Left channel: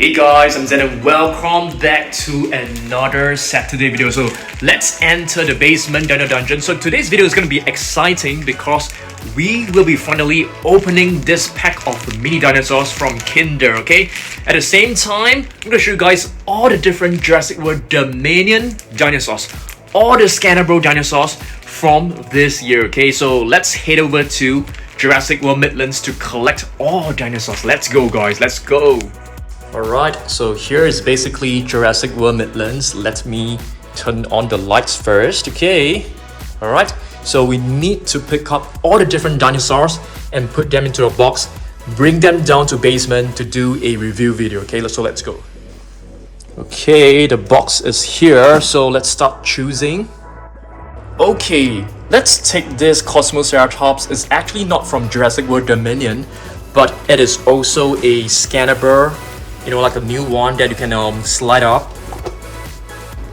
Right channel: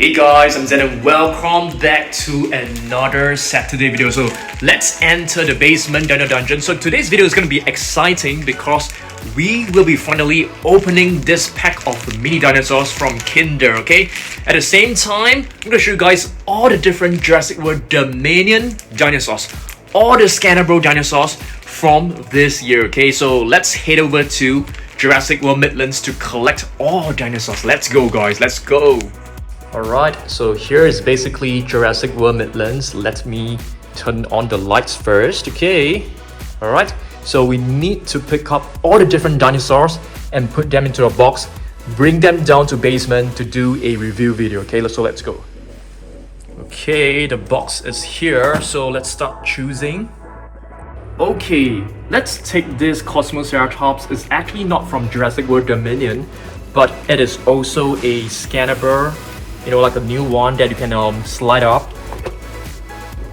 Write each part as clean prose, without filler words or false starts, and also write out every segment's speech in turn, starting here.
Hey guys, I'm Zen and welcome back to another Saturday video. So let's enter the basement Dino dungeon. So today's video is going to be exciting because we will be finally opening this pack of mini dinosaurs from Kinder, okay? At the same time, I'm going to show you guys all the different Jurassic World Dominion dinosaurs, all the Scannable dinosaurs from this year, okay? So let's head over to Jurassic World Midlands to collect all dinosaurs. Let's go guys, let's go! Alright, so here is basically Jurassic World Midlands. Let me turn on the lights first, okay? Alright, so we need to pick up all the different dinosaurs and put them into a box, bring them down to basement to do a review video, okay? So let's go. Okay, the box is here, so let's start choosing. Okay, let's take this Kosmoceratops. It's actually not from Jurassic World Dominion, but it is also a scannable, you know, like a new one that you can slide up.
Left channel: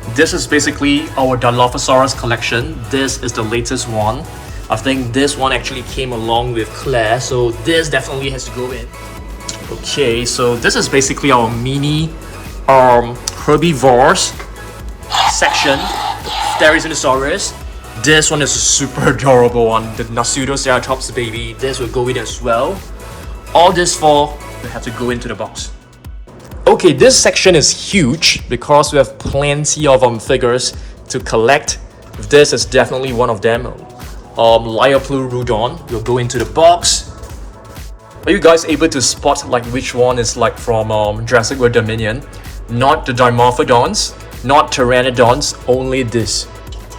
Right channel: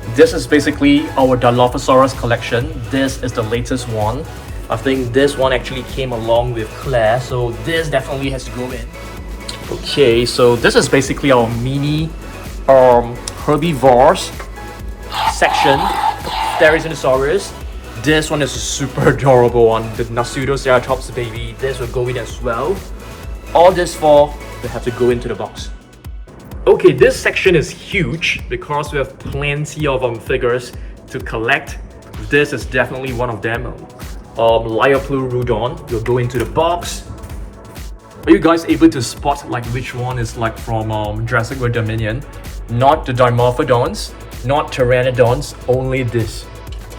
This is basically our Dilophosaurus collection. This is the latest one. I think this one actually came along with Claire, so this definitely has to go in. Okay, so this is basically our mini herbivores section. Therizinosaurus. This one is a super adorable one, the Nasutoceratops baby. This will go in as well. All this four will have to go into the box. Okay, this section is huge because we have plenty of figures to collect. This is definitely one of them. Dimetrodon will go into the box. Are you guys able to spot like which one is like from Jurassic World Dominion? Not the Dimorphodons, not Pteranodons, only this.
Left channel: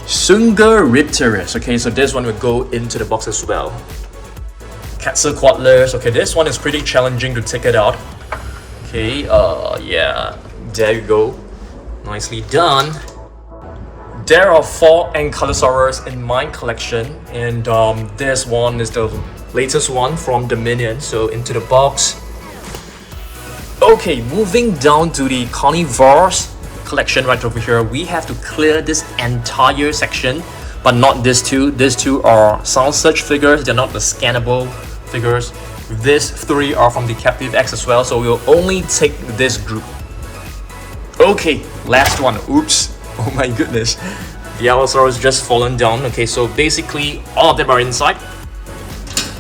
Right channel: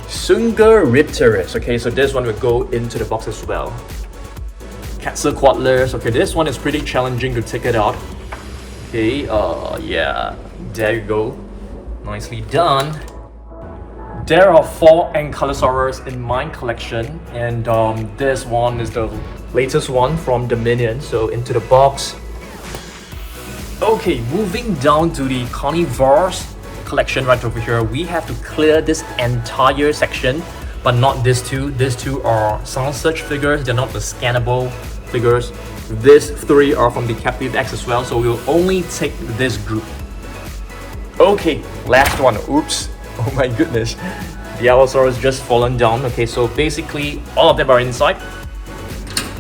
Megaraptor. Okay, so this one will go into the box as well. Quetzalcoatlus. Okay, this one is pretty challenging to take it out. Okay, yeah, there you go. Nicely done. There are 4 Ankylosaurus in my collection, and this one is the latest one from Dominion, so into the box. Okay, moving down to the carnivores collection right over here, we have to clear this entire section, but not these two. These two are sound search figures, they're not the scannable figures. These 3 are from the Captivz as well, so we'll only take this group. Okay, last one. Oops, oh my goodness. The Allosaurus just fallen down. Okay, so basically all of them are inside.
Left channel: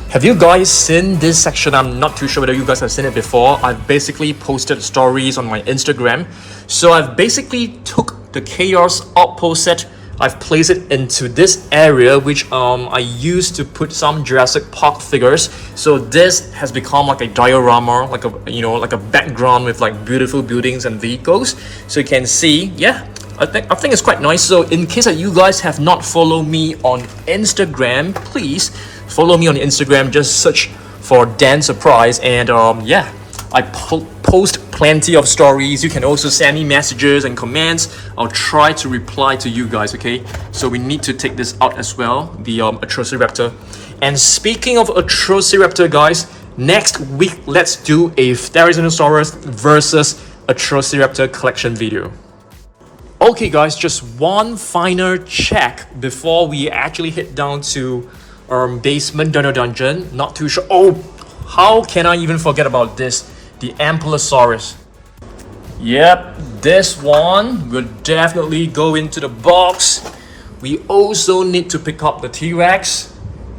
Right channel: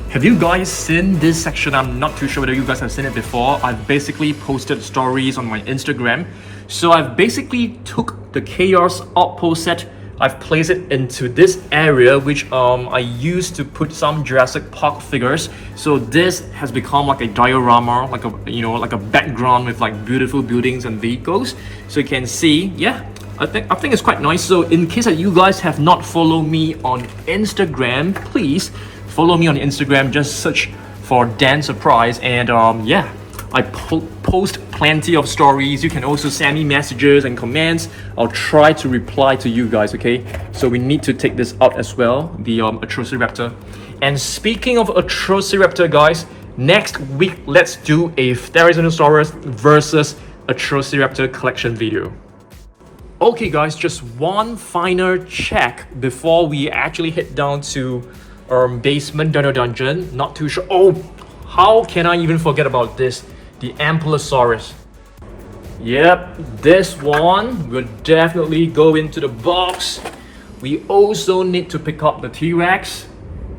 Have you guys seen this section? I'm not too sure whether you guys have seen it before. I've basically posted stories on my Instagram. So I've basically took the Chaos Outpost set, I've placed it into this area, which I used to put some Jurassic Park figures. So this has become like a diorama, like a, you know, like a background with like beautiful buildings and vehicles. So you can see, yeah, I think it's quite nice. So in case that you guys have not followed me on Instagram, please follow me on Instagram. Just search for Dan Surprise, and yeah, I post plenty of stories. You can also send me messages and comments. I'll try to reply to you guys, okay? So we need to take this out as well, the Atrociraptor. And speaking of Atrociraptor, guys, next week, let's do a Therizinosaurus versus Atrociraptor collection video. Okay, guys, just one final check before we actually head down to basement Dino dungeon. Not too sure. Oh, how can I even forget about this? The Ampelosaurus. Yep, this one will definitely go into the box. We also need to pick up the T-Rex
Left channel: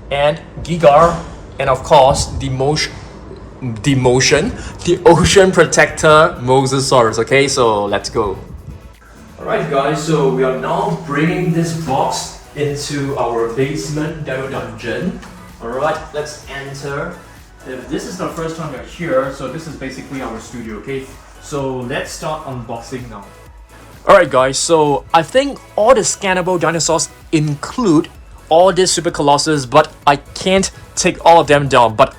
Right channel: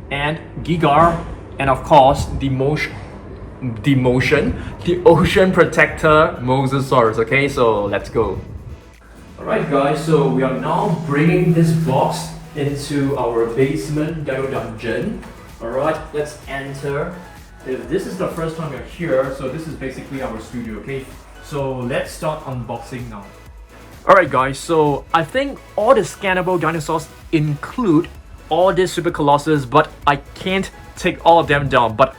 and Gigar, and of course the ocean protector Mosasaurus. Okay, so let's go. Alright guys, so we are now bringing this box into our basement Dino dungeon. Alright, let's enter. If this is the first time you're here, so this is basically our studio, okay? So let's start unboxing now. Alright guys, so I think all the scannable dinosaurs include all these super colossus, but I can't take all of them down. But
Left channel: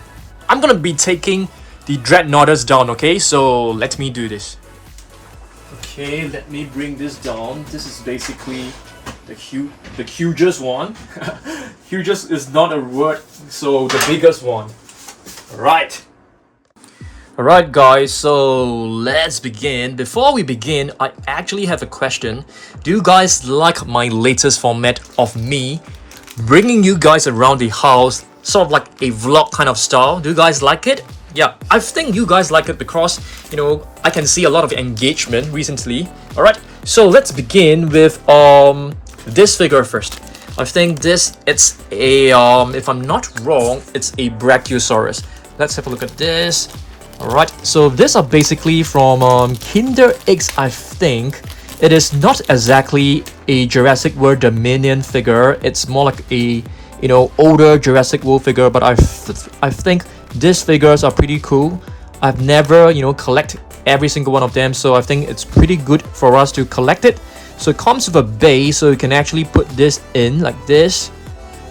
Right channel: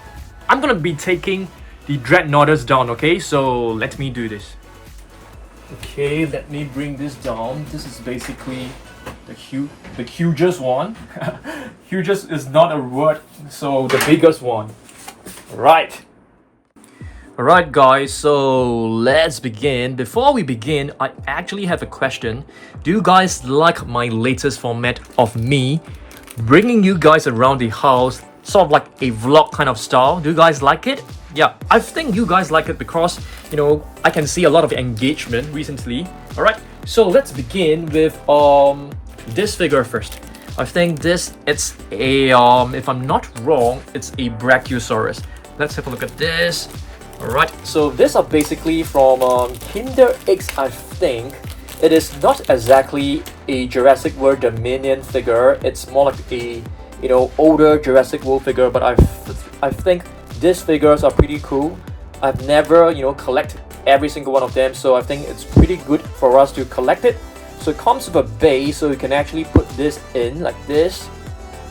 I'm gonna be taking the Dreadnoughts down, okay? So let me do this. Okay, let me bring this down. This is basically the hugest one. Hugest is not a word, so the biggest one. Right. Alright guys, so let's begin. Before we begin, I actually have a question. Do you guys like my latest format of me bringing you guys around the house, sort of like a vlog kind of style? Do you guys like it? yeah, I think you guys like it because, you know, I can see a lot of engagement recently. All right, so let's begin with this figure first. I think it's a if I'm not wrong, it's a Brachiosaurus. Let's have a look at this. All right, so these are basically from Kinder X, I think. It is not exactly a Jurassic World Dominion figure. It's more like a, you know, older Jurassic World figure, but I think these figures are pretty cool. I've never, you know, collect every single one of them, so I think it's pretty good for us to collect it. So it comes with a base, so you can actually put this in like this.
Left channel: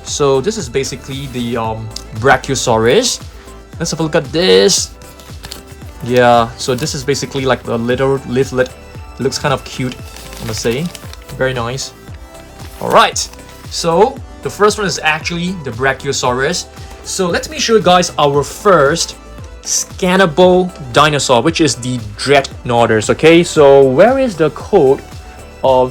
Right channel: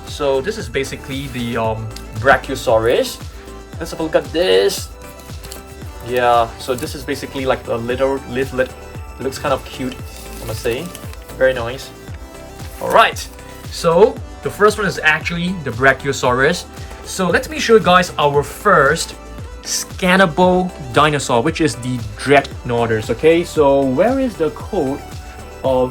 So this is basically the Brachiosaurus. Let's have a look at this. Yeah, so this is basically like the little leaflet. It looks kind of cute, I must say. Very nice. All right, so the first one is actually the Brachiosaurus. So let me show you guys our first scannable dinosaur, which is the Dreadnoughts. Okay, so where is the code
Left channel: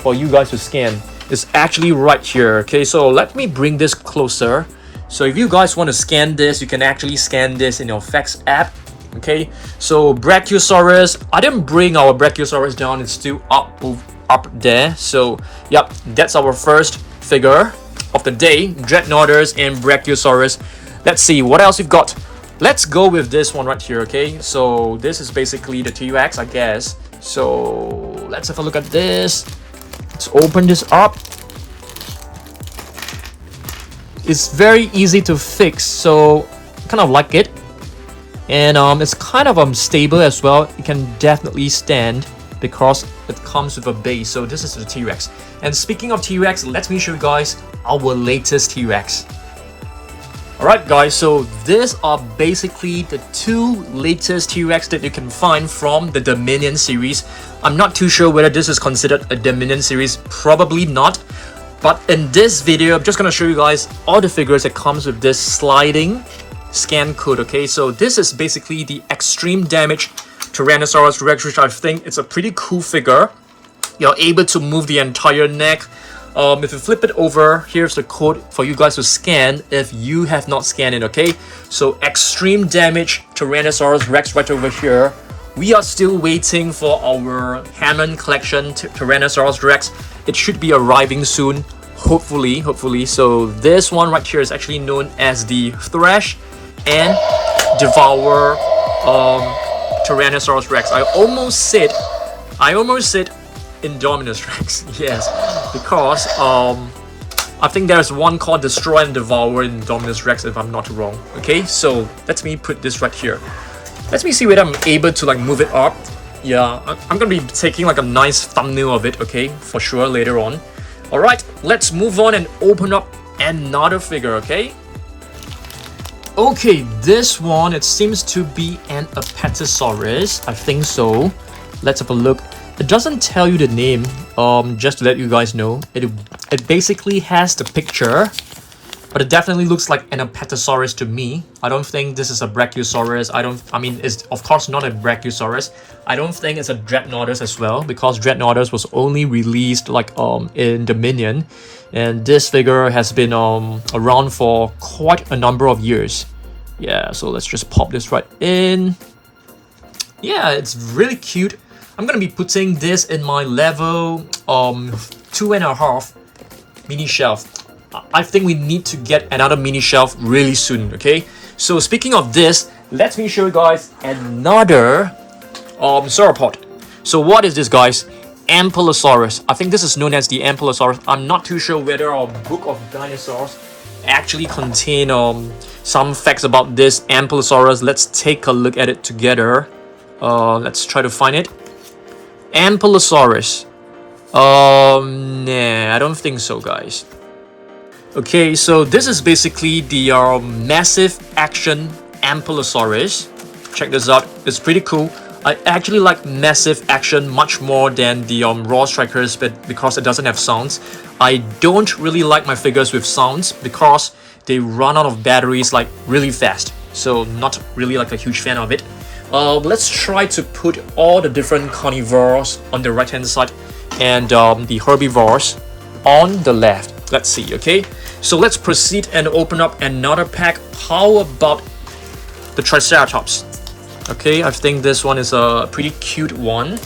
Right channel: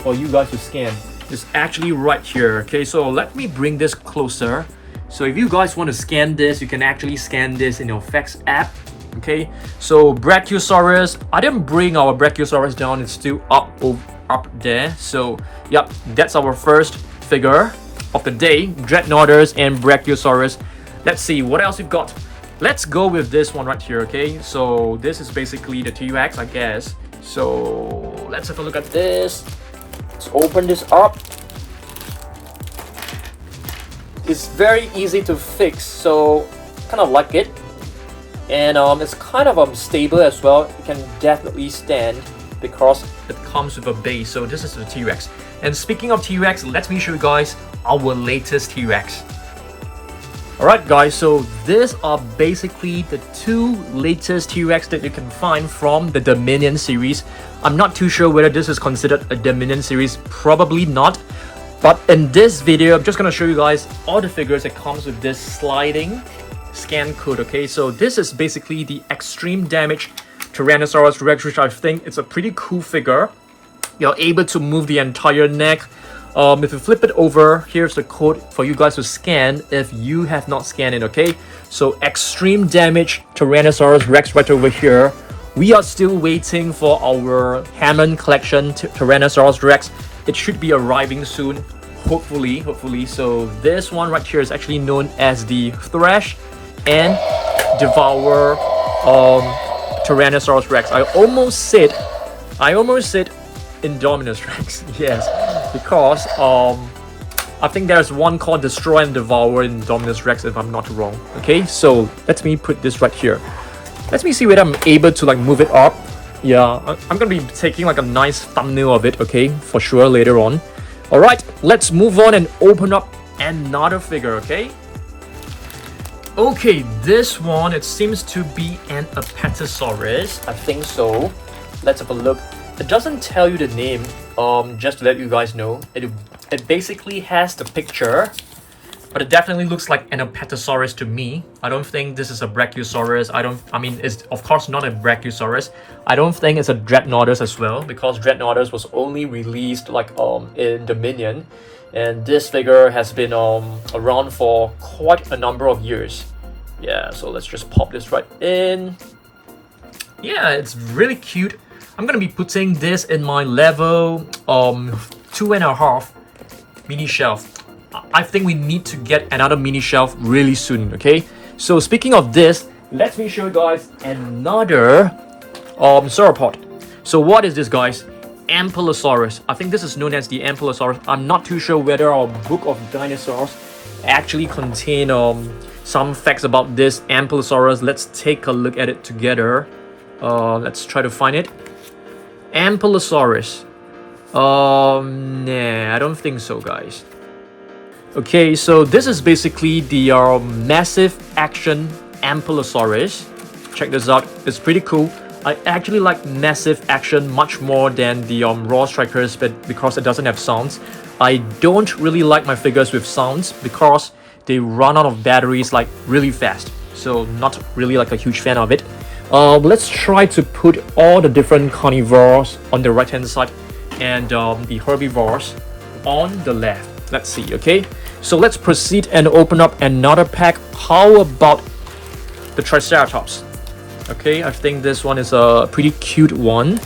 for you guys to scan? It's actually right here. Okay, so let me bring this closer. So if you guys want to scan this, you can actually scan this in your Fax app. Okay, so Brachiosaurus, I didn't bring our Brachiosaurus down, it's still up there. So yep, that's our first figure of the day, Dreadnoughts and Brachiosaurus. Let's see what else we've got. Let's go with this one right here. Okay, so this is basically the T-Rex, I guess. So let's have a look at this. Let's open this up. It's very easy to fix, so I kind of like it. And it's kind of stable as well. It can definitely stand because it comes with a base. So this is the T-Rex. And speaking of T-Rex, let me show you guys our latest T-Rex. Alright guys, so these are basically the two latest T-Rex that you can find from the Dominion series. I'm not too sure whether this is considered a Dominion series, probably not. But in this video, I'm just gonna show you guys all the figures that comes with this sliding scan code. Okay, so this is basically the extreme damage Tyrannosaurus Rex, which I think it's a pretty cool figure. You're able to move the entire neck. If you flip it over, here's the code for you guys to scan if you have not scanned it. Okay, so extreme damage Tyrannosaurus Rex right over here. We are still waiting for our Hammond collection Tyrannosaurus Rex. It should be arriving soon, hopefully. So this one right here is actually known as the Thrash and Devour Tyrannosaurus Rex. I almost said Indominus Rex, yes, because I think there's one called Destroy and Devour in Indominus Rex, if I'm not wrong. Okay, so let me put this right here. Let me see whether I'm able to like move it up. Yeah, I'm gonna be taking like a nice thumbnail of it, okay, for sure later on. All right, let's move on and open up another figure. Okay, this one, it seems to be an Apatosaurus. I think so. Let's have a look. It doesn't tell you the name, just to let you guys know. It basically has the picture, but it definitely looks like an Apatosaurus to me. I don't think this is a Brachiosaurus. I mean, it's of course not a Brachiosaurus. I don't think it's a Dreadnoughts as well, because Dreadnoughts was only released like in Dominion, and this figure has been around for quite a number of years. Yeah, so let's just pop this right in. Yeah, it's really cute. I'm gonna be putting this in my level 2.5 mini shelf. I think we need to get another mini shelf really soon. Okay, so speaking of this, let me show you guys another sauropod. So what is this, guys? Ampelosaurus. I think this is known as the Ampelosaurus. I'm not too sure whether our book of dinosaurs actually contain some facts about this Ampelosaurus. Let's take a look at it together. Let's try to find it. Ampelosaurus. Nah, I don't think so, guys. Okay, so this is basically the massive action Ampelosaurus. Check this out. It's pretty cool. I actually like massive action much more than the raw strikers, but because it doesn't have sounds. I don't really like my figures with sounds because they run out of batteries like really fast. So not really like a huge fan of it. Let's try to put all the different carnivores on the right hand side and the herbivores on the left. Let's see. Okay, so let's proceed and open up another pack. How about the Triceratops? Okay, I think this one is a pretty cute one.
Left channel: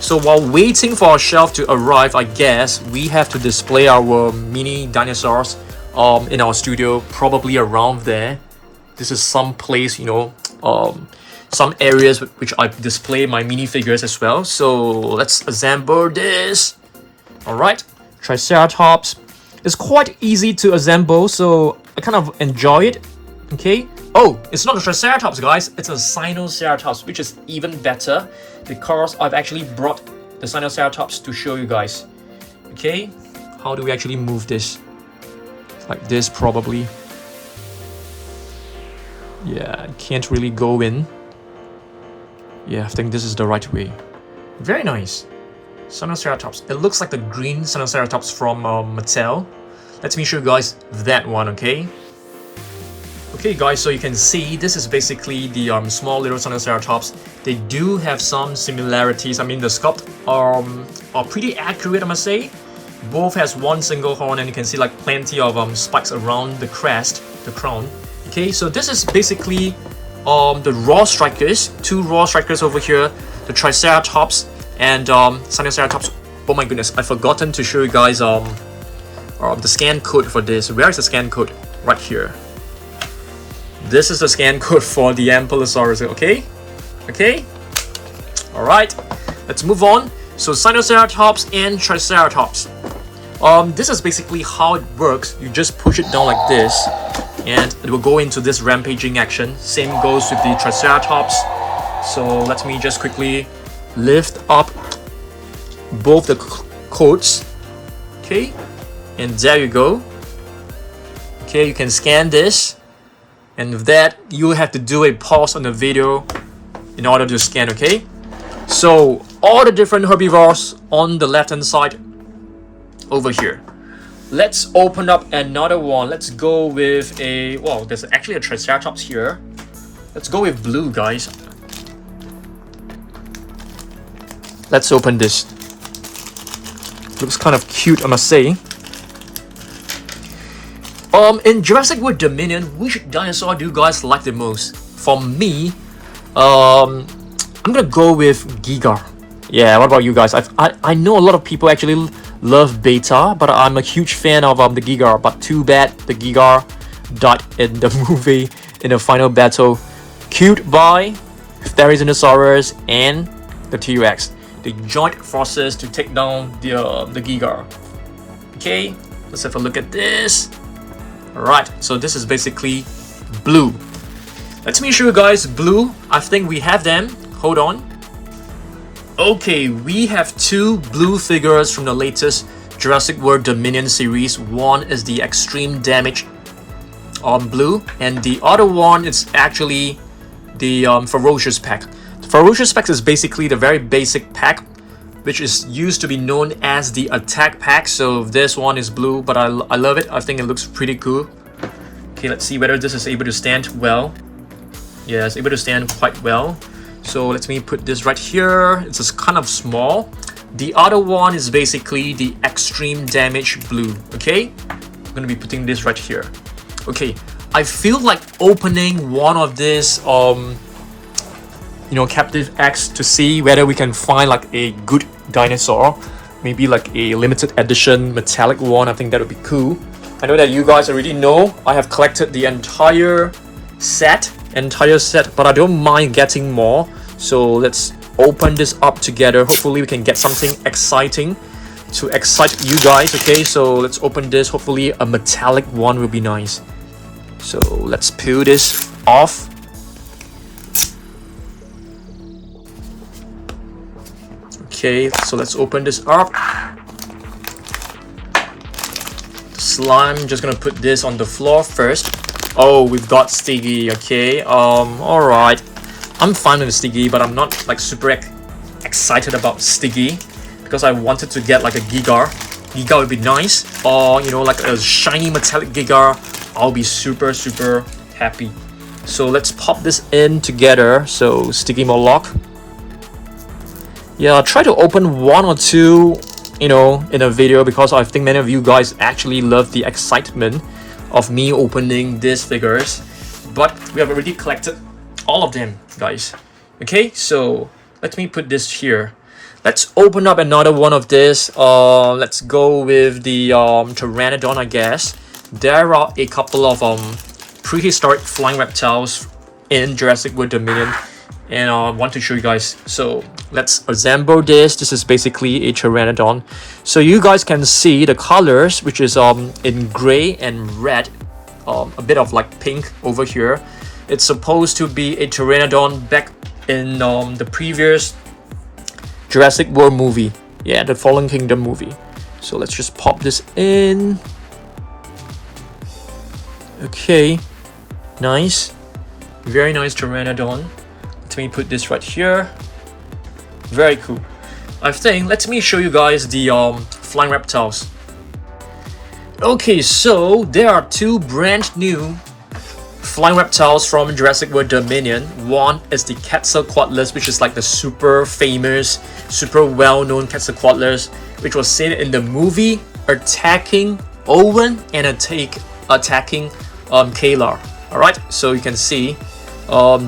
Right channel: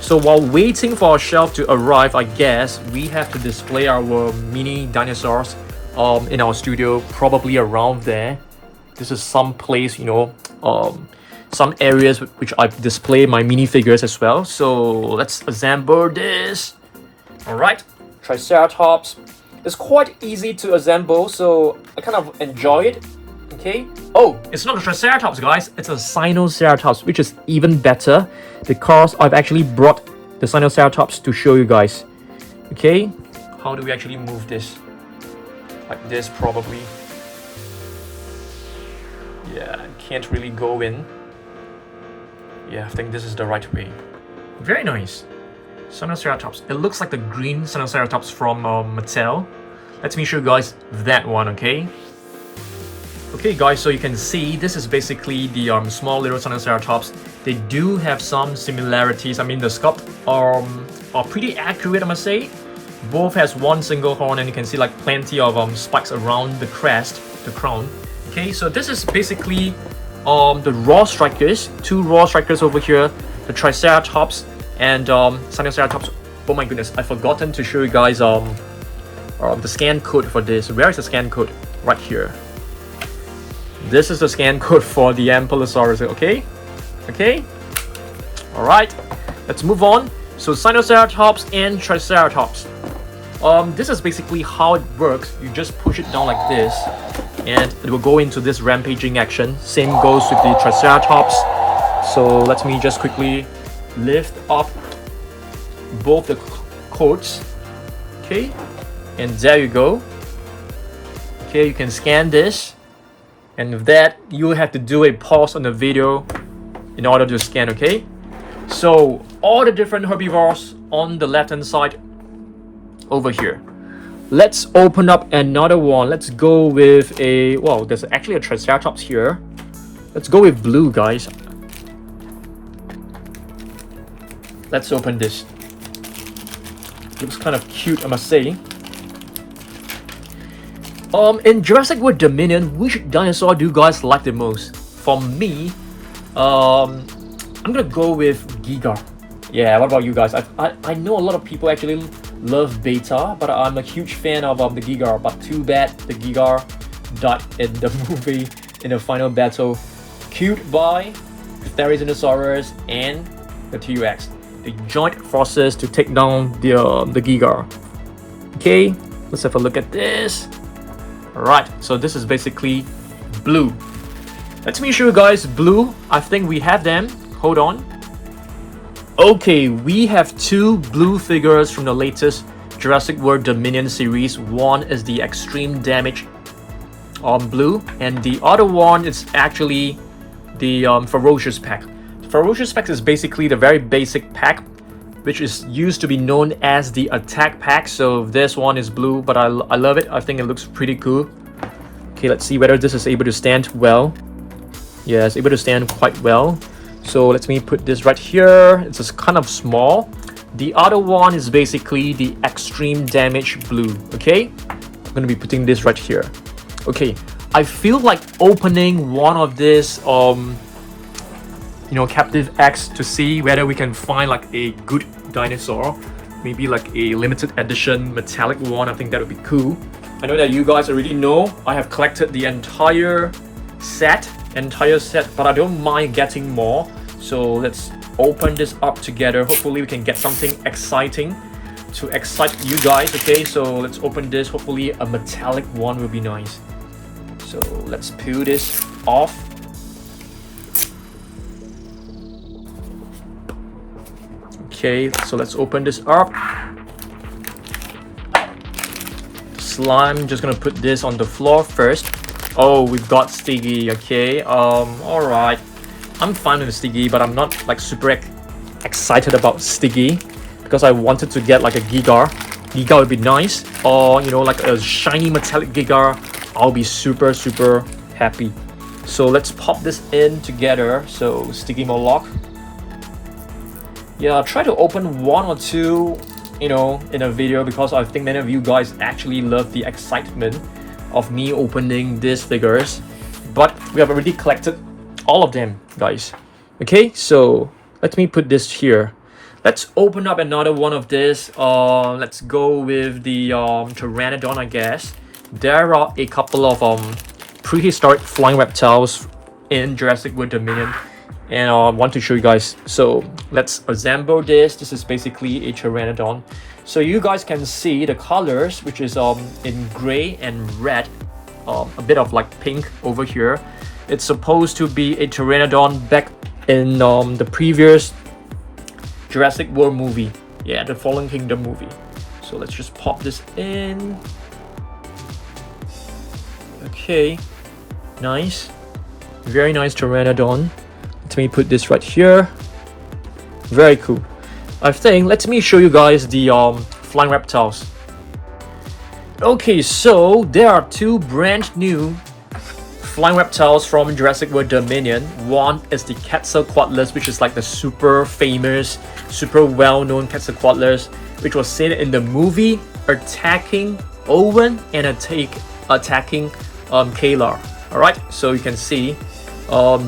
So while waiting for our shelf to arrive, I guess we have to display our mini dinosaurs in our studio, probably around there. This is some place, you know, some areas which I display my minifigures as well. So let's assemble this. All right, Triceratops. It's quite easy to assemble, so I kind of enjoy it. Okay. Oh, it's not a Triceratops, guys. It's a Sinoceratops, which is even better because I've actually brought the Sinoceratops to show you guys. Okay. How do we actually move this? Like this, probably. Yeah, can't really go in. Yeah, I think this is the right way. Very nice. Sinoceratops. It looks like the green Sinoceratops from Mattel. Let me show you guys that one, okay? Okay guys, so you can see this is basically the small little Sinoceratops. They do have some similarities. I mean, the sculpt are pretty accurate, I must say. Both has one single horn, and you can see like plenty of spikes around the crest, the crown. Okay, so this is basically the raw strikers, two raw strikers over here, the Triceratops and Sinoceratops. Oh my goodness, I've forgotten to show you guys the scan code for this. Where is the scan code? Right here. This is the scan code for the Ampelosaurus, okay? Okay? Alright, let's move on. So Sinoceratops and Triceratops. This is basically how it works. You just push it down like this, and it will go into this rampaging action. Same goes with the Triceratops. So let me just quickly lift up both the coats. Okay, and there you go. Okay, you can scan this. And with that, you have to do a pause on the video in order to scan, okay? So, all the different herbivores on the left-hand side over here. Let's open up another one. Let's go with a... Well, there's actually a Triceratops here. Let's go with blue, guys. Let's open this. Looks kind of cute, I must say. In Jurassic World Dominion, which dinosaur do you guys like the most? For me, I'm gonna go with Giga. Yeah, what about you guys? I know a lot of people actually love Beta, but I'm a huge fan of the Giga. But too bad the Giga died in the movie in the final battle, killed by Therizinosaurus and the T-Rex. They joined forces to take down the Giga. Okay, let's have a look at this. Alright, so this is basically blue. Let me show you guys blue. I think we have them. Hold on. Okay, we have two blue figures from the latest Jurassic World Dominion series. One is the extreme damage blue, and the other one is actually the ferocious pack. The ferocious pack is basically the very basic pack, which is used to be known as the attack pack. So this one is blue, but I love it. I think it looks pretty cool. Okay, let's see whether this is able to stand well. Yeah, it's able to stand quite well. So let me put this right here. It's just kind of small. The other one is basically the extreme damage blue. Okay, I'm gonna be putting this right here. Okay, I feel like opening one of this Captivz to see whether we can find like a good dinosaur, maybe like a limited edition metallic one. I think that would be cool. I know that you guys already know I have collected the entire set, but I don't mind getting more. So let's open this up together. Hopefully we can get something exciting to excite you guys. Okay, so let's open this. Hopefully a metallic one will be nice. So let's peel this off. Okay, so let's open this up. The slime, just gonna put this on the floor first. Oh, we've got Stiggy. Okay, alright. I'm fine with Stiggy, but I'm not like super excited about Stiggy because I wanted to get like a Giga. Giga would be nice, or like a shiny metallic Giga. I'll be super happy. So let's pop this in together. So Stiggy Moloch. Yeah, I'll try to open one or two, in a video, because I think many of you guys actually love the excitement of me opening these figures. But we have already collected all of them, guys. Okay, so let me put this here. Let's open up another one of this. Let's go with the Pteranodon, I guess. There are a couple of prehistoric flying reptiles in Jurassic World Dominion, and I want to show you guys. So let's assemble this. This is basically a Pteranodon. So you guys can see the colors, which is in gray and red, a bit of like pink over here. It's supposed to be a Pteranodon back in the previous Jurassic World movie. Yeah, the Fallen Kingdom movie. So let's just pop this in. Okay, nice. Very nice Pteranodon. Let me put this right here. Very cool. I think, let me show you guys the flying reptiles. Okay, so there are two brand new flying reptiles from Jurassic World Dominion. One is the Quetzalcoatlus, which is like the super famous, super well-known Quetzalcoatlus, which was seen in the movie attacking Owen and attacking Kayla. Alright, so you can see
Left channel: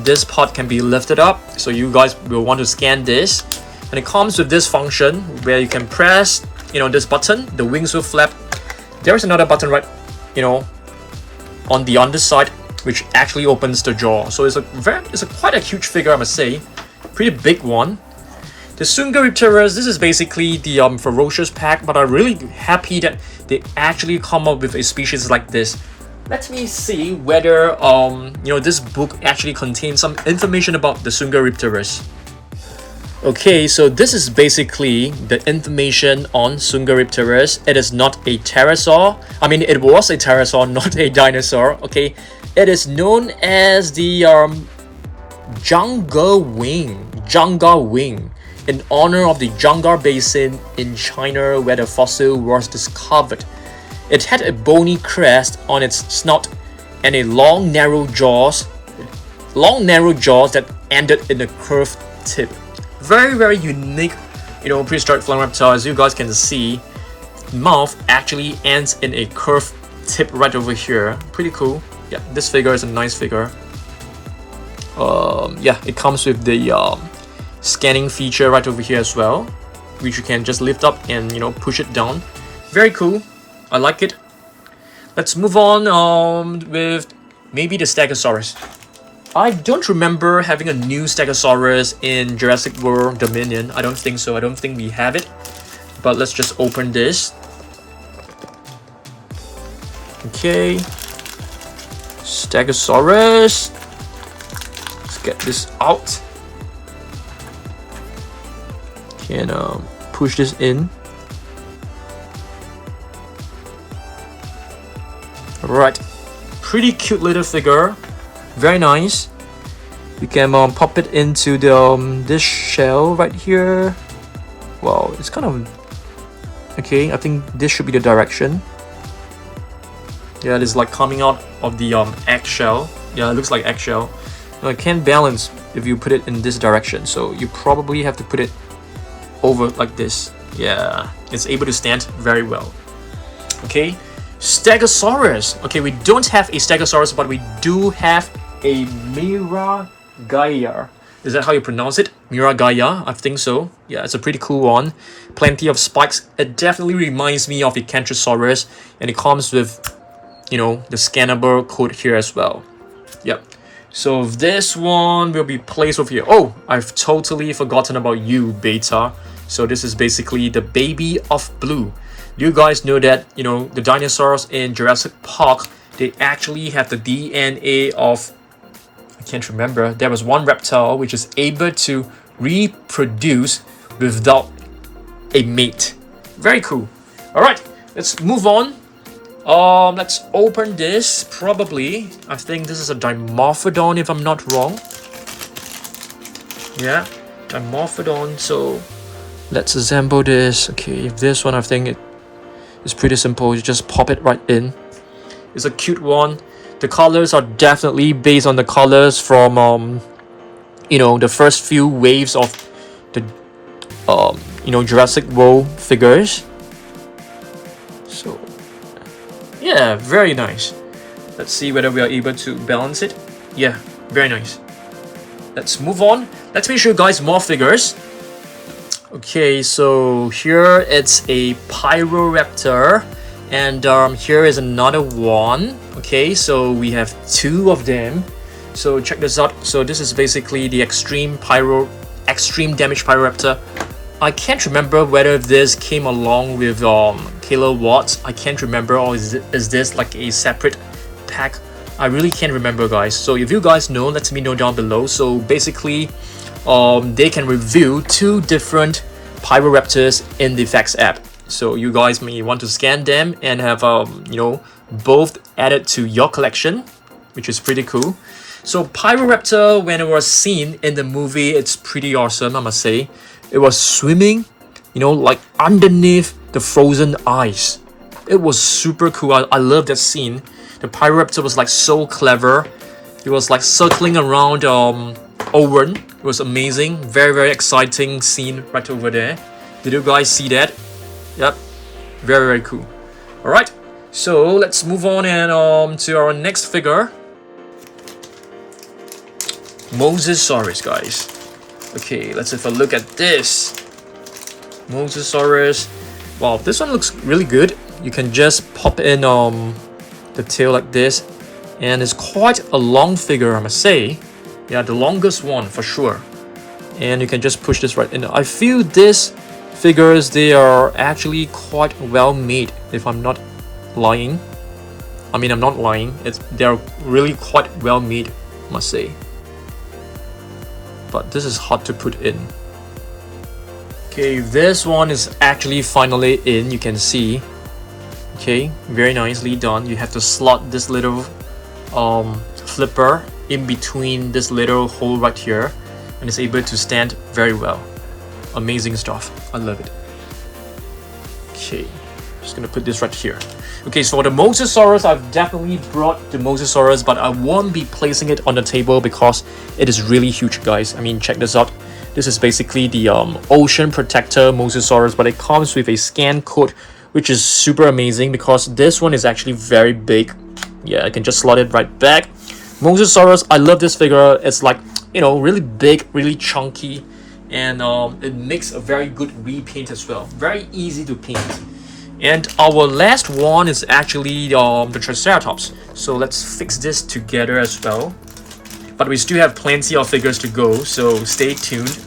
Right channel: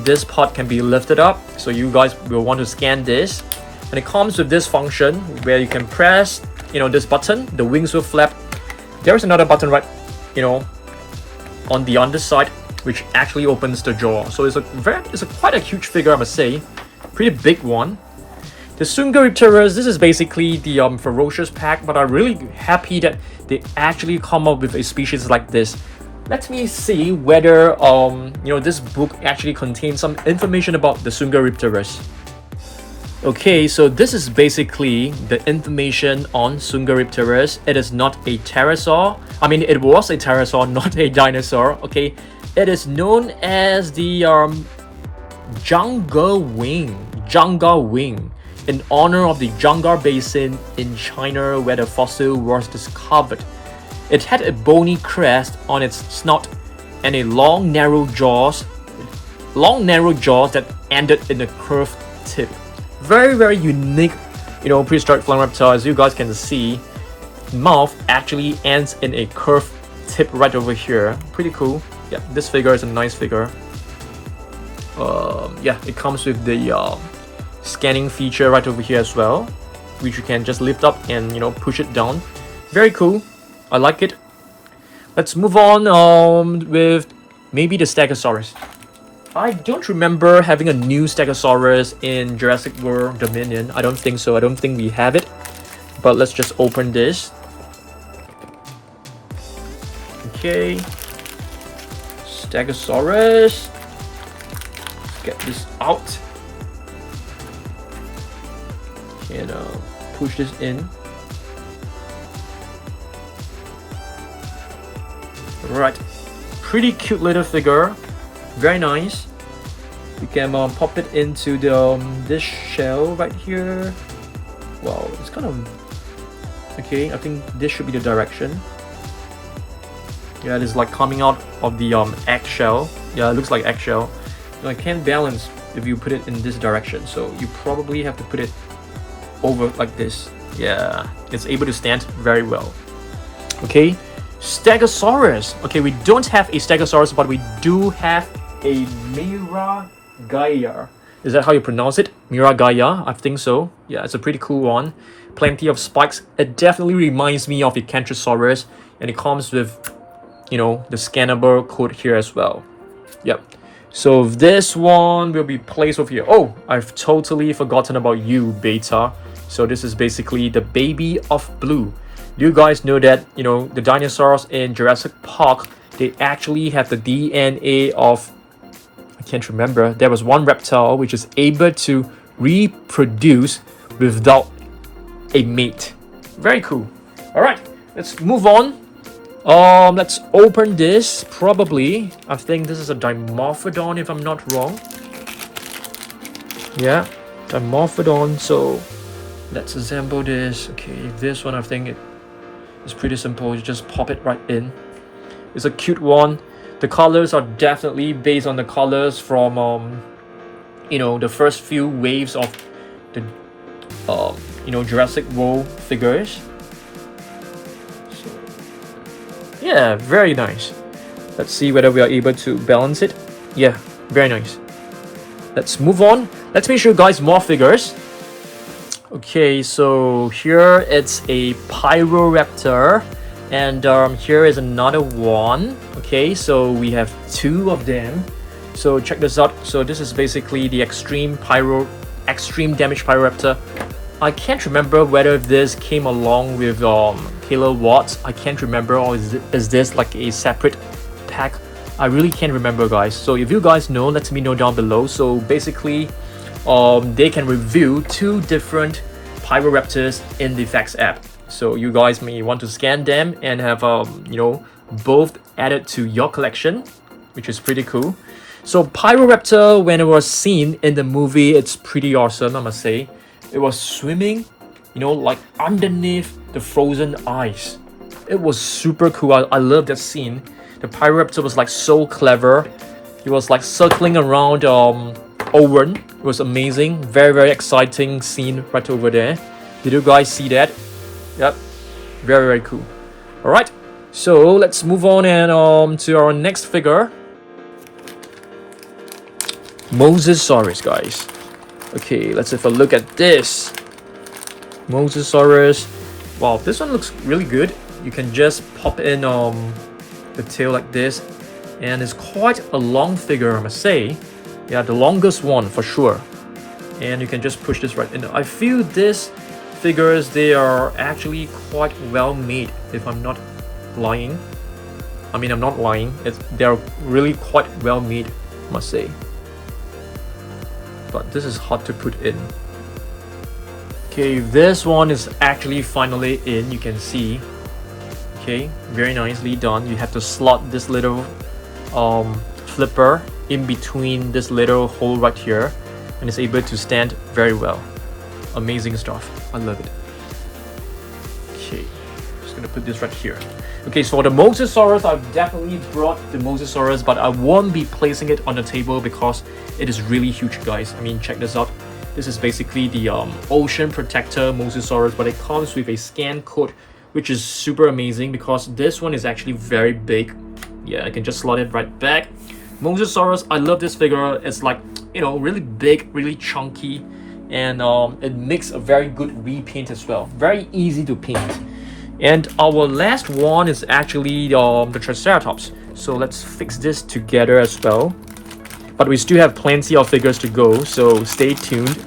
this part can be lifted up, so you guys will want to scan this, and it comes with this function where you can press, this button, the wings will flap. There is another button right, on the underside, which actually opens the jaw. So it's quite a huge figure, I must say. Pretty big one. The Sinoceratops, this is basically the ferocious pack, but I'm really happy that they actually come up with a species like this. Let me see whether this book actually contains some information about the Sinoceratops. Okay, so this is basically the information on Sinoceratops. It is not a pterosaur. I mean, it was a pterosaur, not a dinosaur. Okay, it is known as the Zhangge wing, in honor of the Zhangge Basin in China where the fossil was discovered. It had a bony crest on its snout and a long narrow jaws that ended in a curved tip. Very, very unique, prehistoric flying reptile. As you guys can see, mouth actually ends in a curved tip right over here. Pretty cool. Yeah, this figure is a nice figure. Yeah, it comes with the scanning feature right over here as well, which you can just lift up and push it down. Very cool. I like it. Let's move on with maybe the Stegosaurus. I don't remember having a new Stegosaurus in Jurassic World Dominion. I don't think so. I don't think we have it. But let's just open this. Okay. Stegosaurus. Let's get this out. Can push this in. Right. Pretty cute little figure. Very nice. You can pop it into the this shell right here. Well, it's kind of okay. I think this should be the direction. Yeah, it is like coming out of the eggshell. Yeah, it looks like eggshell. It can't balance if you put it in this direction, so you probably have to put it over like this. Yeah, it's able to stand very well. Okay, Stegosaurus. Okay, we don't have a Stegosaurus, but we do have a Miragaia. Is that how you pronounce it? Miragaia? I think so. Yeah, it's a pretty cool one. Plenty of spikes. It definitely reminds me of the Cantrosaurus, and it comes with, the scannable code here as well. Yep. So this one will be placed over here. Oh, I've totally forgotten about you, Beta. So this is basically the baby of Blue. You guys know that, the dinosaurs in Jurassic Park, they actually have the DNA of, I can't remember, there was one reptile which is able to reproduce without a mate. Very cool. Alright, let's move on. Let's open this. Probably, I think this is a Dimorphodon if I'm not wrong. Yeah, Dimorphodon. So let's assemble this. Okay, this one I think it's pretty simple. You just pop it right in. It's a cute one. The colors are definitely based on the colors from the first few waves of the Jurassic World figures. So yeah, very nice. Let's see whether we are able to balance it. Yeah, very nice. let's move on. Let me show you guys more figures. Okay, so here it's a Pyroraptor, and here is another one. Okay, so we have two of them. So check this out. So this is basically the extreme damage Pyroraptor. I can't remember whether this came along with kilowatts. I can't remember, or is this like a separate pack? I really can't remember, guys. So if you guys know, let me know down below. So basically, they can review two different Pyroraptors in the Facts app. So you guys may want to scan them and have you know, both added to your collection, which is pretty cool. So Pyroraptor, when it was seen in the movie, it's pretty awesome, I must say. It was swimming, you know, like underneath the frozen ice. It was super cool. I love that scene. The Pyroraptor was like so clever. It was like circling around Owen. It was amazing. Very, very exciting scene right over there. Did you guys see that? Yep. Very, very cool. Alright. So let's move on and to our next figure. Mosasaurus, guys. Okay, let's have a look at this. Mosasaurus. Wow, this one looks really good. You can just pop in the tail like this, and it's quite a long figure, I must say. Yeah, the longest one for sure. And you can just push this right in. I feel these figures, they are actually quite well made, if I'm not lying. I mean, I'm not lying. They're really quite well made, I must say. But this is hard to put in. Okay, this one is actually finally in, you can see. Okay, very nicely done. You have to slot this little flipper in between this little hole right here, and it's able to stand very well. Amazing stuff. I love it. Okay, just gonna put this right here. Okay, so for the Mosasaurus, I've definitely brought the Mosasaurus, but I won't be placing it on the table because it is really huge, guys. I mean, check this out. This is basically the Ocean Protector Mosasaurus, but it comes with a scan code, which is super amazing because this one is actually very big. Yeah, I can just slot it right back. Mosasaurus, I love this figure. It's like, you know, really big, really chunky, and it makes a very good repaint as well. Very easy to paint. And our last one is actually the Triceratops. So let's fix this together as well. But we still have plenty of figures to go, so stay tuned.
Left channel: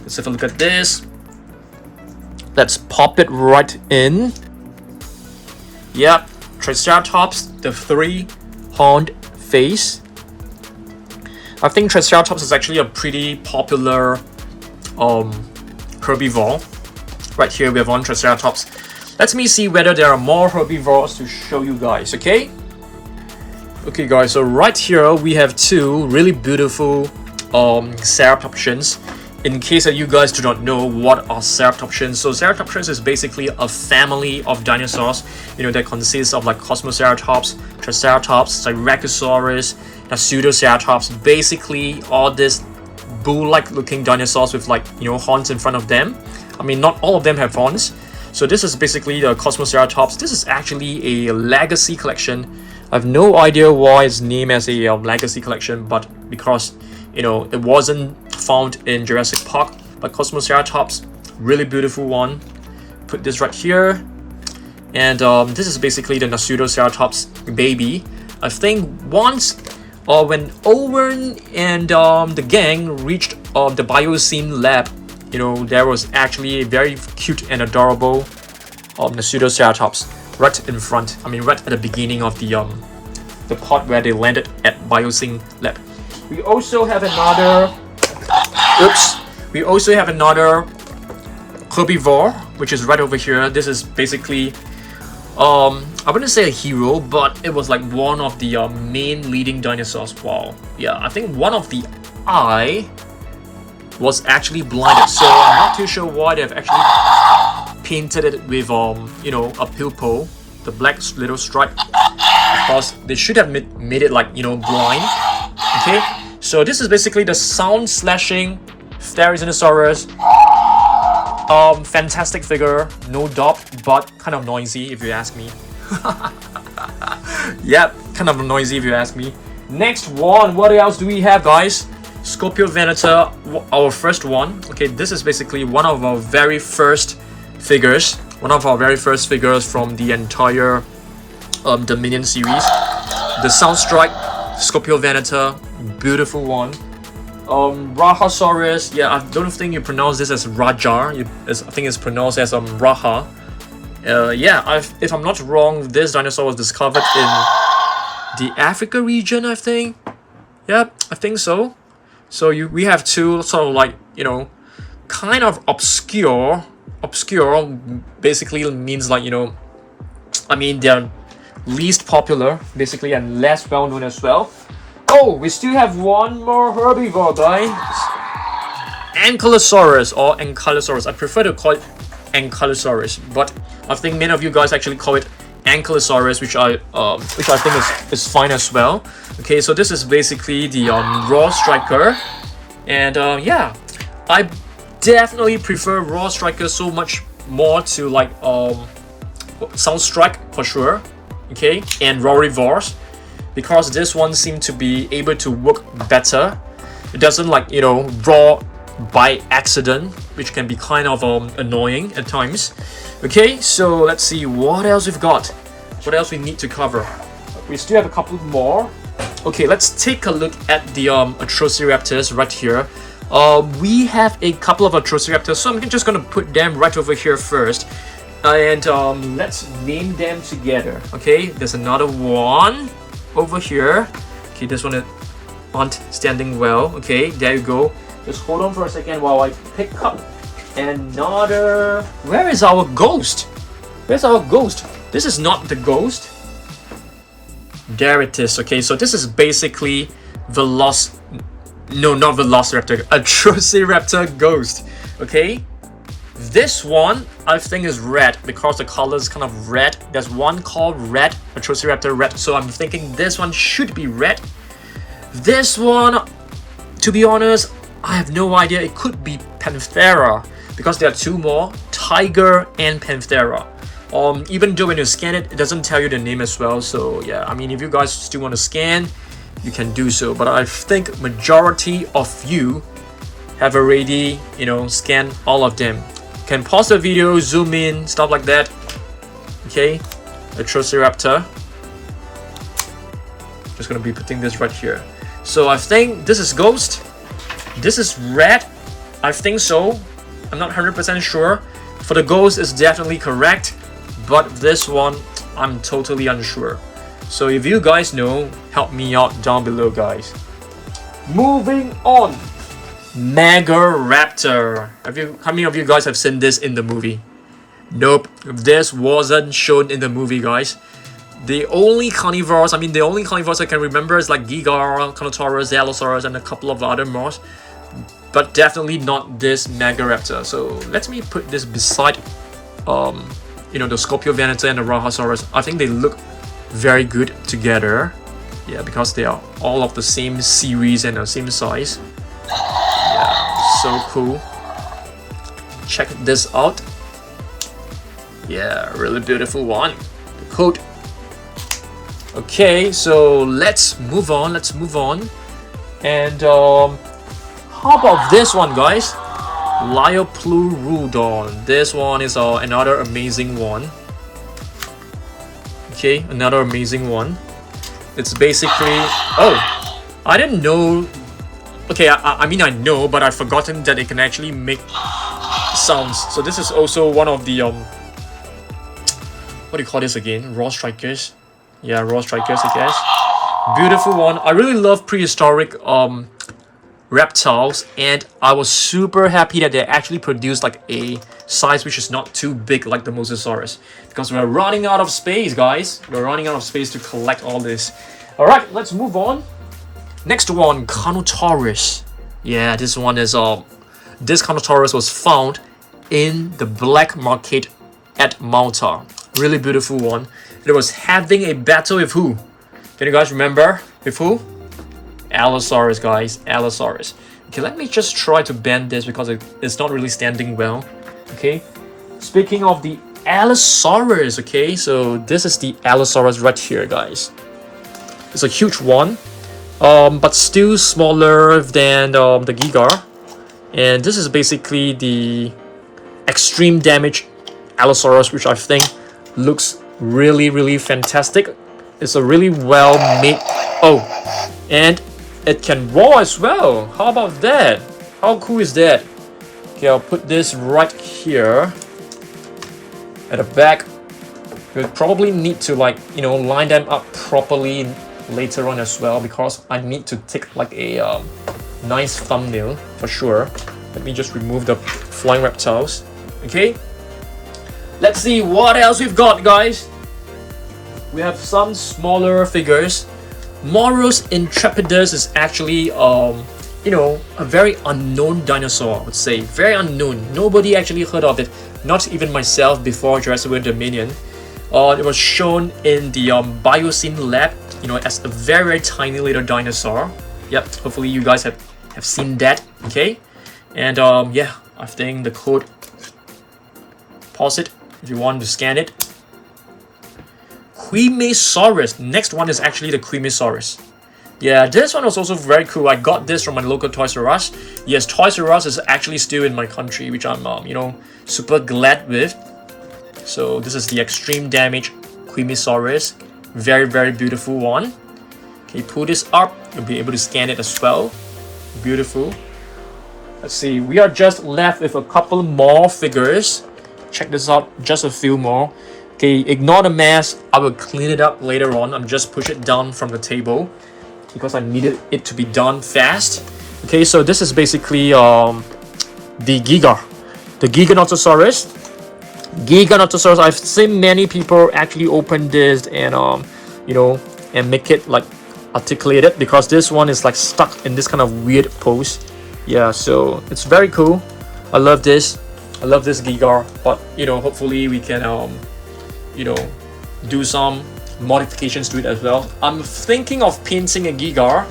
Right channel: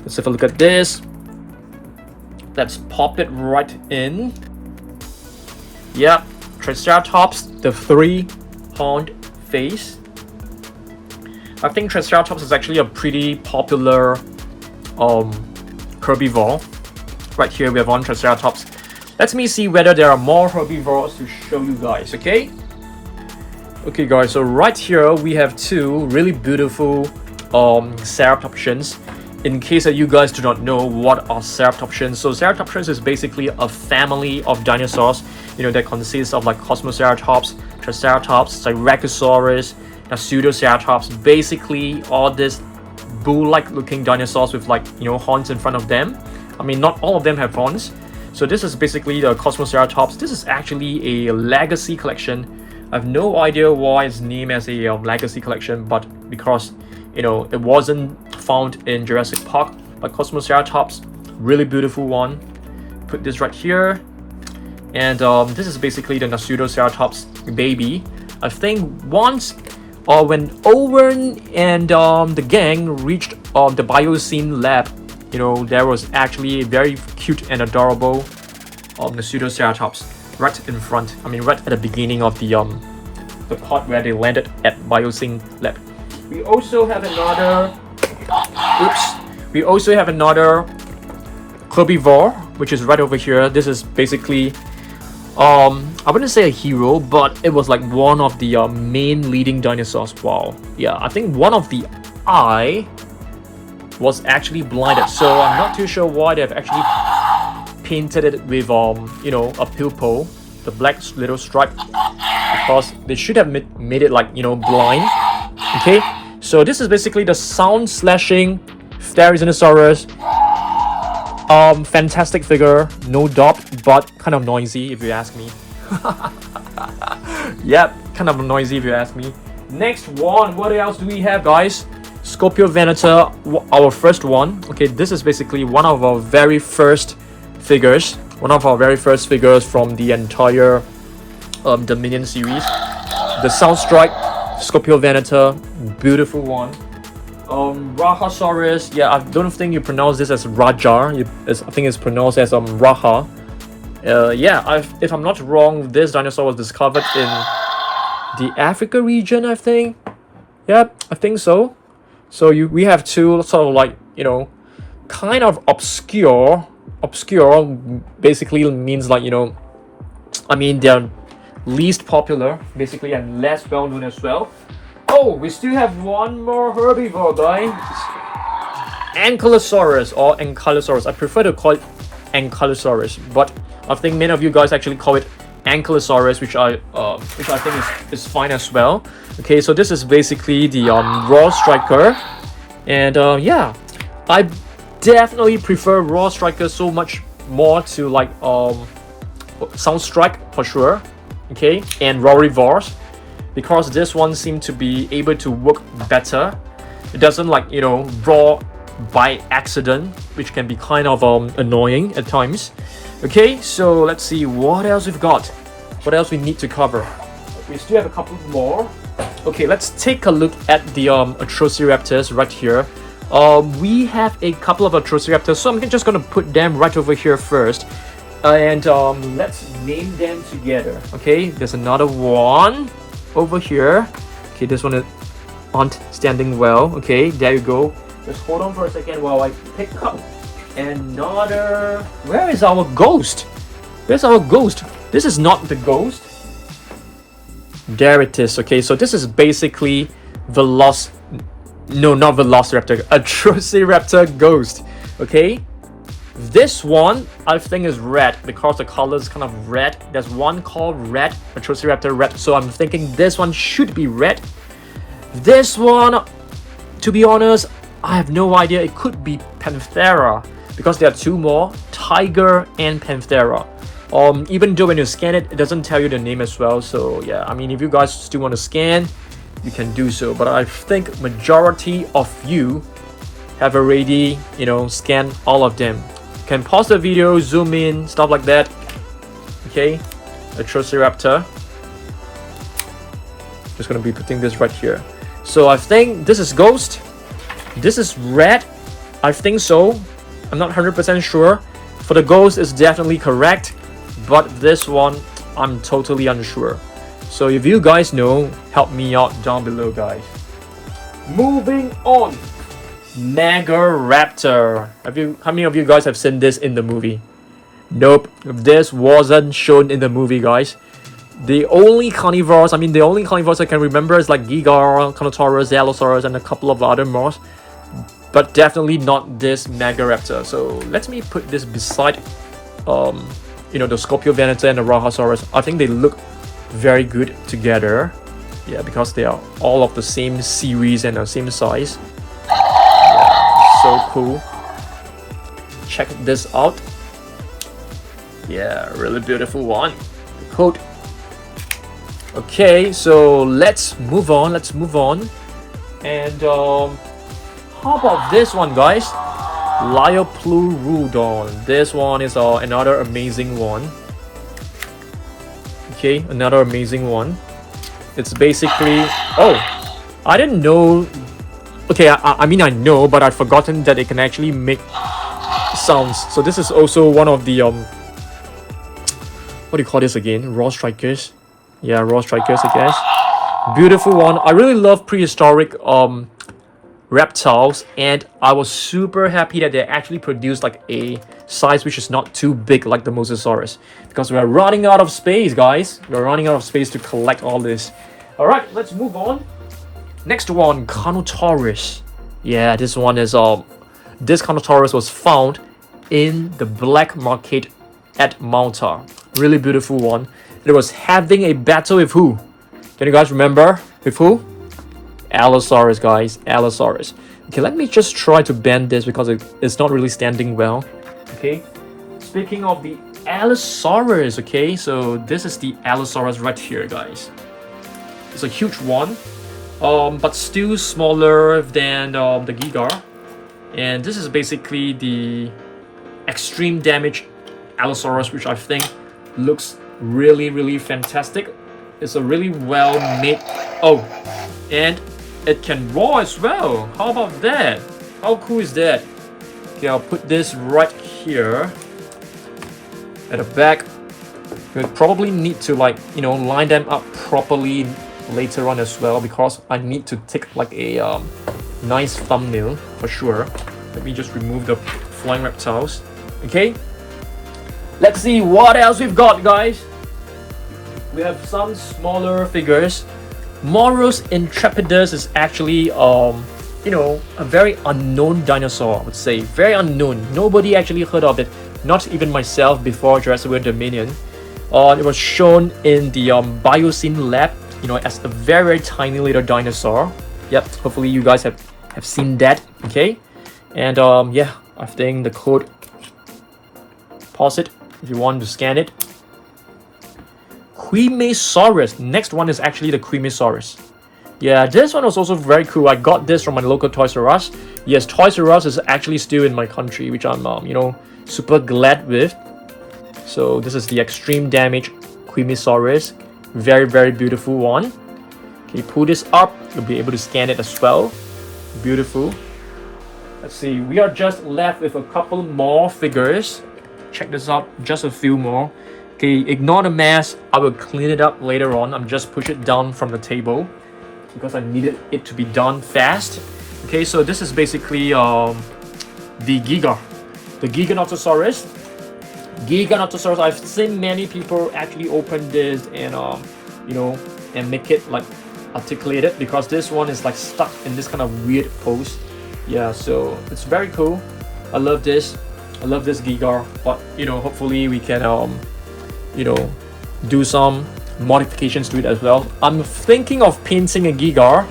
Let's have a look at this. Let's pop it right in. Yep, Triceratops, the three-horned face. I think Triceratops is actually a pretty popular herbivore. Right here we have one Triceratops. Let me see whether there are more herbivores to show you guys, okay? Okay guys, so right here we have two really beautiful Ceratopsians. In case that you guys do not know what are Ceratopsians, so Ceratopsians is basically a family of dinosaurs, you know, that consists of like Kosmoceratops, Triceratops, Rajasaurus, Nasutoceratops, basically all these bull-like looking dinosaurs with like, you know, horns in front of them. I mean, not all of them have horns. So this is basically the Kosmoceratops. This is actually a legacy collection. I have no idea why it's named as a legacy collection, but because, you know, it wasn't found in Jurassic Park. But Kosmoceratops, really beautiful one. Put this right here. And this is basically the Nasutoceratops baby. I think once when Owen and the gang reached the Biosyn lab, you know, there was actually a very cute and adorable Nasutoceratops right in front. I mean, right at the beginning of the part where they landed at Biosyn lab. We also have another. We also have another herbivore, which is right over here. This is basically, I wouldn't say a hero, but it was like one of the main leading dinosaurs. Wow. Yeah, I think one of the eye was actually blinded, so I'm not too sure why they've actually painted it with you know, a pupil, the black little stripe, because they should have made it like, you know, blind. Okay, so this is basically the sound slashing Therizinosaurus. Fantastic figure, no doubt, but kind of noisy if you ask me. Yep, kind of noisy if you ask me. Next one, what else do we have, guys? Scorpiovenator, our first one. Okay, this is basically one of our very first figures. One of our very first figures from the entire Dominion series. The Soundstrike Scorpiovenator, beautiful one. Rajasaurus, yeah, I don't think you pronounce this as Raja. I think it's pronounced as Raja. Yeah, if I'm not wrong, this dinosaur was discovered in the Africa region, I think. Yep, I think so. So we have two sort of like, you know, kind of obscure, basically means like, you know, I mean, they're least popular, basically, and less well known as well. Oh, we still have one more herbivore, guys. Ankylosaurus or Ankylosaurus. I prefer to call it Ankylosaurus, but I think many of you guys actually call it Ankylosaurus, which I think is fine as well. Okay, so this is basically the raw striker, and yeah, I definitely prefer raw striker so much more to like Soundstrike for sure. Okay, and Herbivores, because this one seemed to be able to work better. It doesn't like, you know, raw by accident, which can be kind of annoying at times. Okay, so let's see what else we've got. What else we need to cover? We still have a couple more. Okay, let's take a look at the Atrociraptors right here. We have a couple of Atrociraptors, so I'm just gonna put them right over here first. And let's name them together. Okay, there's another one over here. Okay, this one aren't standing well. Okay, there you go. Just hold on for a second while I pick up another. Where is our ghost? Where's our ghost? This is not the ghost. There it is. Okay, so this is basically no, not Velociraptor, Atrociraptor ghost. Okay, this one I think is red because the color is kind of red. There's one called red, Atrociraptor red, so I'm thinking this one should be red. This one, to be honest, I have no idea. It could be Panthera because there are two more, Tiger and Panthera. Even though when you scan it, it doesn't tell you the name as well. So yeah, I mean, if you guys still want to scan, you can do so. But I think majority of you have already, you know, scanned all of them. You can pause the video, zoom in, stuff like that. Okay, Atrociraptor. Just gonna be putting this right here. So I think this is ghost. This is red. I think so. I'm not 100% sure. For the ghost, it's definitely correct. But this one, I'm totally unsure. So if you guys know, help me out down below, guys. Moving on. Megaraptor. How many of you guys have seen this in the movie? Nope. This wasn't shown in the movie, guys. The only carnivores I can remember is like Giganotosaurus, Allosaurus, and a couple of other more. But definitely not this Megaraptor. So let me put this beside you know, the Scorpiovenator and the Rajasaurus. I think they look very good together. Yeah, because they are all of the same series and the same size. Yeah, so cool. Check this out. Yeah, really beautiful one. The coat. Okay, so let's move on. And how about this one, guys? Liopleurodon. This one is another amazing one. Okay, another amazing one. It's basically, oh, I didn't know. Okay, I mean I know, but I've forgotten that it can actually make sounds. So this is also one of the what do you call this again? Raw strikers. Yeah, raw strikers, I guess. Beautiful one. I really love prehistoric reptiles, and I was super happy that they actually produced like a size which is not too big like the Mosasaurus, because we're running out of space, guys. We're running out of space to collect all this. All right, let's move on. Next one, Carnotaurus. Yeah, this one is this Carnotaurus was found in the black market at Malta. Really beautiful one. It was having a battle with who? Can you guys remember? With who? Allosaurus, guys. Allosaurus. Okay, let me just try to bend this because it's not really standing well. Okay. Speaking of the Allosaurus, okay, so this is the Allosaurus right here, guys. It's a huge one. but still smaller than the Giga. And this is basically the extreme damage Allosaurus, which I think looks really fantastic. It's a really well made. Oh, and it can roar as well. How about that? How cool is that? Okay, I'll put this right here at the back. We'll probably need to, like, you know, line them up properly later on as well, because I need to take like a nice thumbnail for sure. Let me just remove the flying reptiles. Okay, let's see what else we've got, guys. We have some smaller figures. Morus intrepidus is actually you know, a very unknown dinosaur, I would say. Very unknown. Nobody actually heard of it, not even myself, before Jurassic World Dominion. It was shown in the Biocene lab, you know, as a very tiny little dinosaur. Yep, hopefully you guys have seen that. Okay, and yeah, I think the code, pause it if you want to scan it. Kosmoceratops. Next one is actually the Kosmoceratops. Yeah, this one was also very cool. I got this from my local Toys R Us. Yes, Toys R Us is actually still in my country, which I'm you know, super glad with. So this is the extreme damage Kosmoceratops. Very beautiful one. Okay, pull this up, you'll be able to scan it as well. Beautiful. Let's see, we are just left with a couple more figures. Check this out, just a few more. Okay, ignore the mess. I will clean it up later on. I'm just push it down from the table because I needed it to be done fast. Okay, so this is basically the Giganotosaurus. Giganotosaurus. I've seen many people actually open this and you know, and make it like articulated, because this one is like stuck in this kind of weird pose. Yeah, so it's very cool. I love this. I love this Giga, but you know, hopefully we can you know, do some modifications to it as well. I'm thinking of painting a Giga,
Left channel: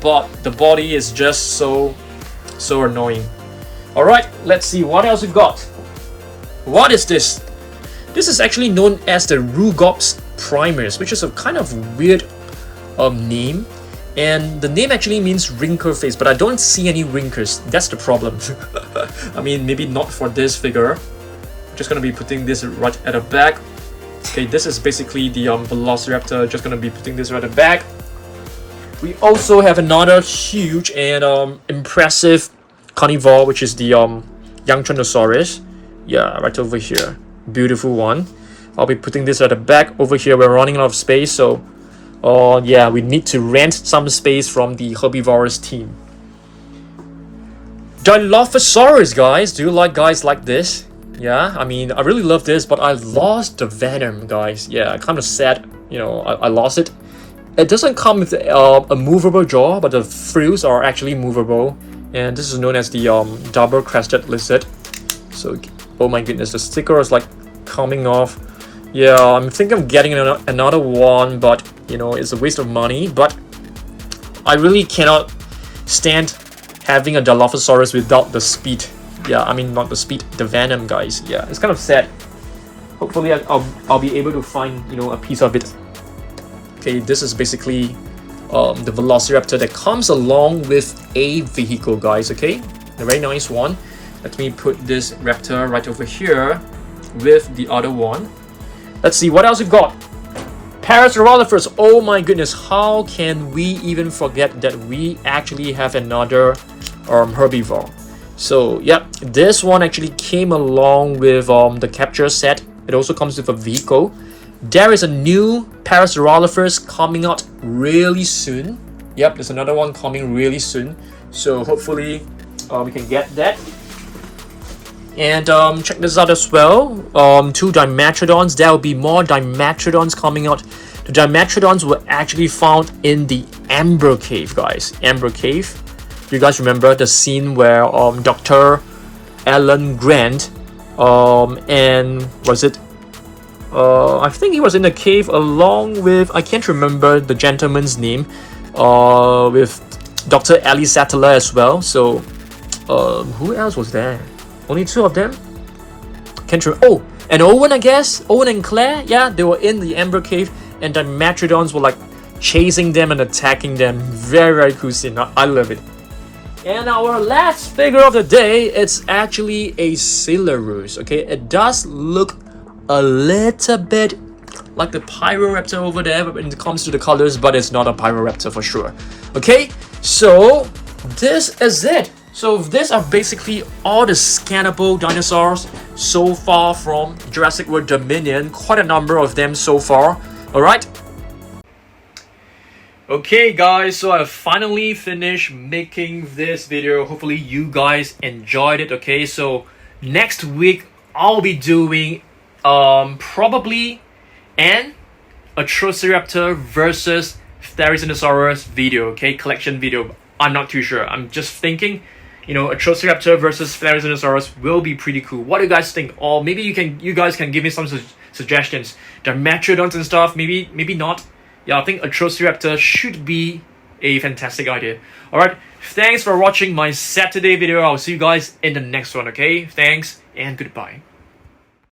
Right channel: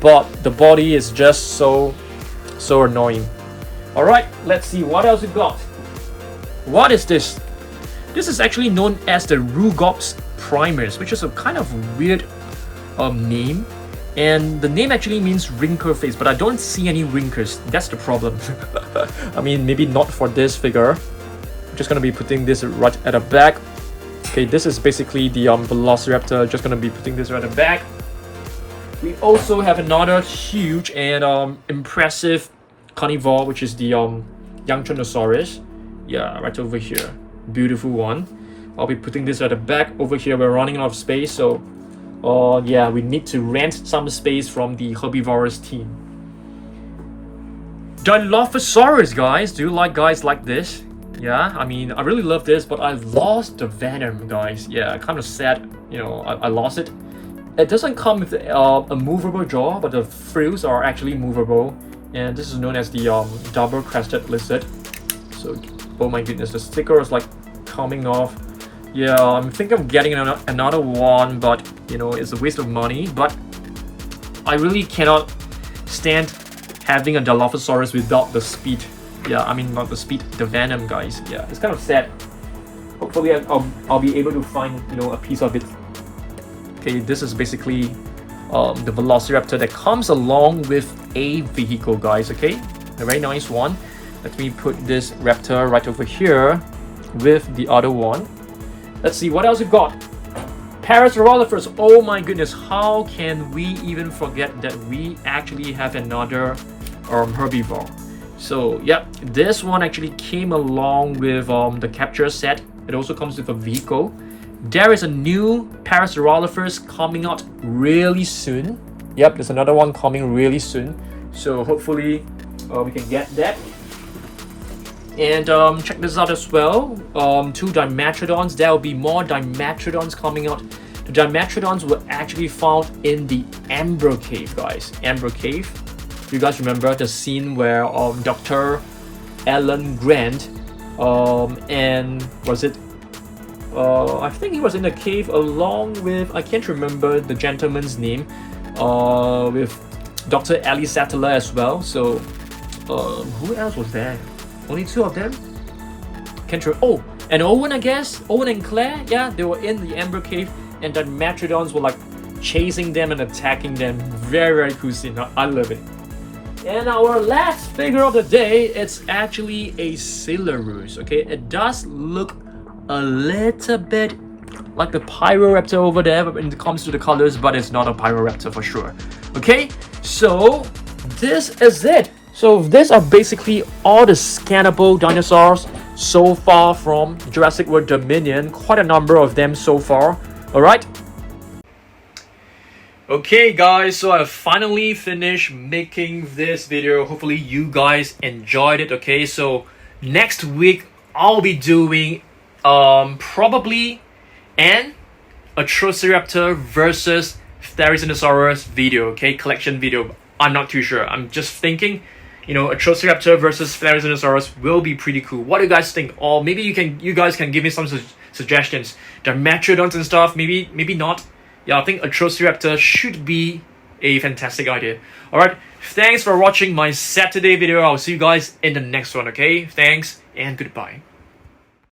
but the body is just so annoying. All right, let's see what else we got. What is this? This is actually known as the Rugops primus, which is a kind of weird name, and the name actually means wrinkle face, but I don't see any wrinkles. That's the problem. I mean, maybe not for this figure. I'm just gonna be putting this right at the back. Okay, this is basically the Velociraptor. Just gonna be putting this right at the back. We also have another huge and impressive carnivore, which is the Tyrannosaurus. Yeah, right over here. Beautiful one. I'll be putting this at the back over here. We're running out of space, so yeah, we need to rent some space from the Herbivores team. Dilophosaurus, guys. Do you like guys like this? Yeah, I mean, I really love this, but I lost the venom, guys. Yeah, kind of sad, you know, I lost it. It doesn't come with a movable jaw, but the frills are actually movable. And this is known as the double-crested lizard. So, oh my goodness, the sticker is like coming off. Yeah, I'm thinking of getting another one, but you know, it's a waste of money. But I really cannot stand having a Dilophosaurus without the speed. Yeah, I mean, not the speed, the venom, guys. Yeah, it's kind of sad. Hopefully I'll be able to find, you know, a piece of it. Okay, this is basically the Velociraptor that comes along with a vehicle, guys. Okay, a very nice one. Let me put this raptor right over here with the other one. Let's see what else we got. Pterosaurs. Oh my goodness, how can we even forget that we actually have another herbivore? So yeah, this one actually came along with the capture set. It also comes with a vehicle. There is a new Pterosaurs coming out really soon. Yep, there's another one coming really soon. So hopefully we can get that. And check this out as well. 2 Dimetrodons. There will be more Dimetrodons coming out. The Dimetrodons were actually found in the Amber Cave, guys. Amber Cave. You guys remember the scene where Dr. Alan Grant and was it? I think he was in the cave along with, I can't remember the gentleman's name, with Dr. Ali Sattler as well. So who else was there? Only 2 of them? Can't remember. Oh, and Owen, I guess. Owen and Claire. Yeah, they were in the Amber Cave, and the Dimetrodons were like chasing them and attacking them. Very, very cool scene. I love it. And our last figure of the day, it's actually a Coelosaurus. Okay, it does look a little bit like the Pyroraptor over there when it comes to the colors, but it's not a Pyroraptor for sure. Okay, so this is it. So these are basically all the scannable dinosaurs so far from Jurassic World Dominion. Quite a number of them so far. Alright. Okay guys, so I finally finished making this video. Hopefully you guys enjoyed it. Okay, so next week I'll be doing probably an Atrociraptor versus Therizinosaurus video. Okay, collection video. I'm not too sure. I'm just thinking, you know, Atrociraptor versus Therizinosaurus will be pretty cool. What do you guys think? Or maybe you guys can give me some suggestions. Dimetrodons and stuff. Maybe not. Yeah, I think Atrociraptor should be a fantastic idea. Alright, thanks for watching my Saturday video. I'll see you guys in the next one, okay? Thanks and goodbye.